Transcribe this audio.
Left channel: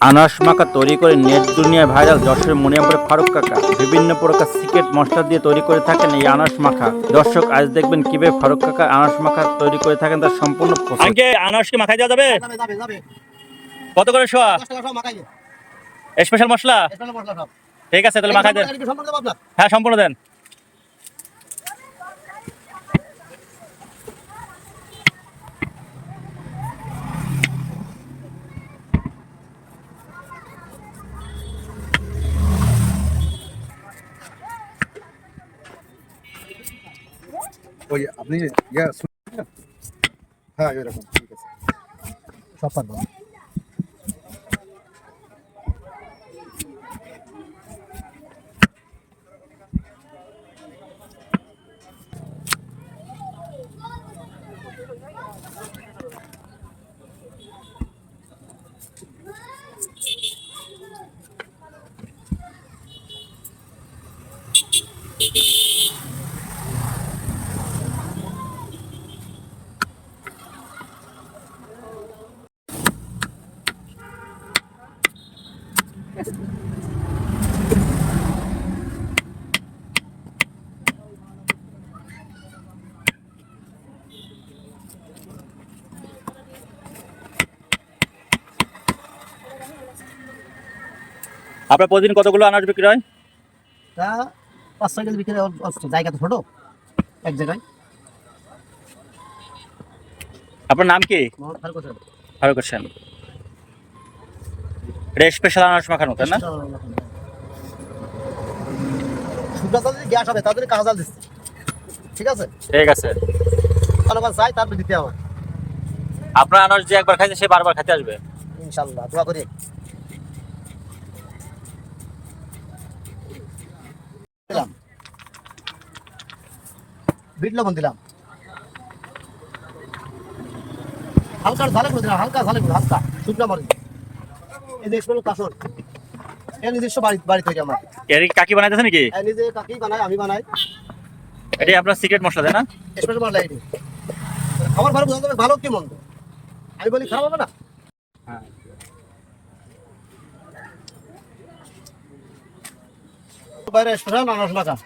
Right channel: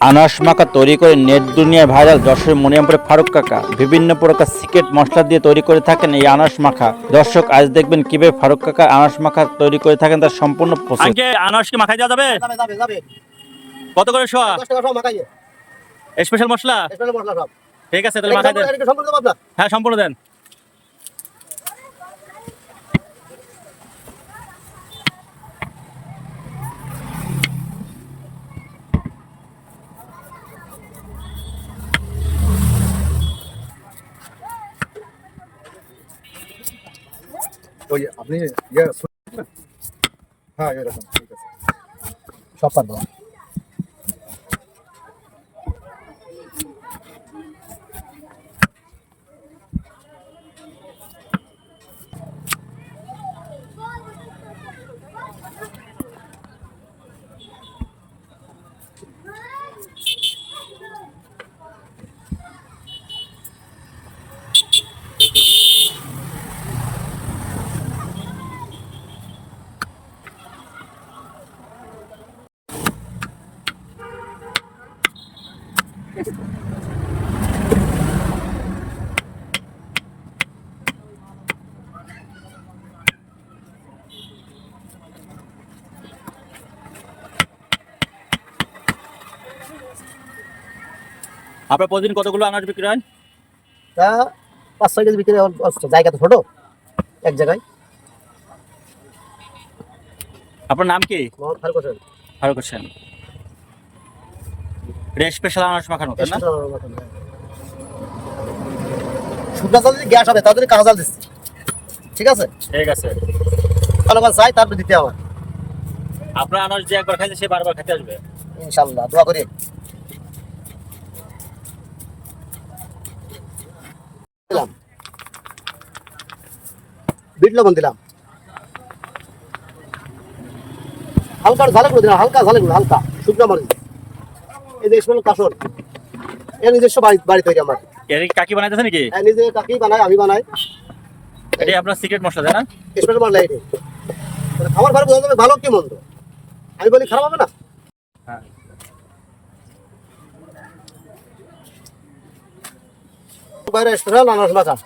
আনারস মাখা তৈরি করে নেট দুনিয়ায় ভাইরাল যশোরের মনিরামপুরে ফারুক কাকা বিভিন্ন প্রকার সিক্রেট মশলা দিয়ে তৈরি করে থাকেন এই আনারস মাখা। দর্শক আজ দেখবেন কিভাবে ফারুক কাকা আনারস মাখা তৈরি করে থাকেন তার সম্পূর্ণ প্রসেস। আনারস কি মাখাই দেওয়া যাবে? কত করে শোয়া? স্পেশাল মশলা? ঠিক আছে, তাহলে মাখাই দেন। হ্যাঁ, সম্পূর্ণ দেন। ওই আপনি হ্যাঁ এরকম ঠিক আছে সব পারবো। আপনার প্রতিদিন কতগুলো আনারস বিক্রি হয়? তা 5-6 কেজি বিক্রি হয়। জায়গা তো ছোট, এক জায়গায়। আপনার নাম কি? মোহাম্মদ ফারুক হোসেন। ফারুক হোসেন। এটা স্পেশাল আনারস মাখানো, তাই না? শুকনা চাল যদি গ্যাস হবে তাহলে কাঁচা চাল দিচ্ছি, ঠিক আছে? ঠিক আছে। ভালো কাজ চাই তারপরে দিতে হবে। আপনার আনারস যে একবার খাইছে সে বারবার খেতে আসবে ইনশাআল্লাহ, দোয়া করি। দিলাম বিট লবণ দিলাম, হালকা ঝালক দিলাম, হালকা ঝালক হালকা শুকনা মরিচ। এই যে স্পেশাল কাসর, এর নিজস্ব বাড়ি তৈরি আমার। এর কি কাকি বানাইতেছে নাকি? নিজে কাকি বানাই, আমি বানাই। এটাই আপনার সিক্রেট মশলা, তাই না? স্পেশাল মশলা এটি। খাবার ভালো বোঝা যাবে ভালো কি মন্দ, আমি বলি খারাপ হবে না। হ্যাঁ। বাইরে স্পেশাল আনারস মাখা।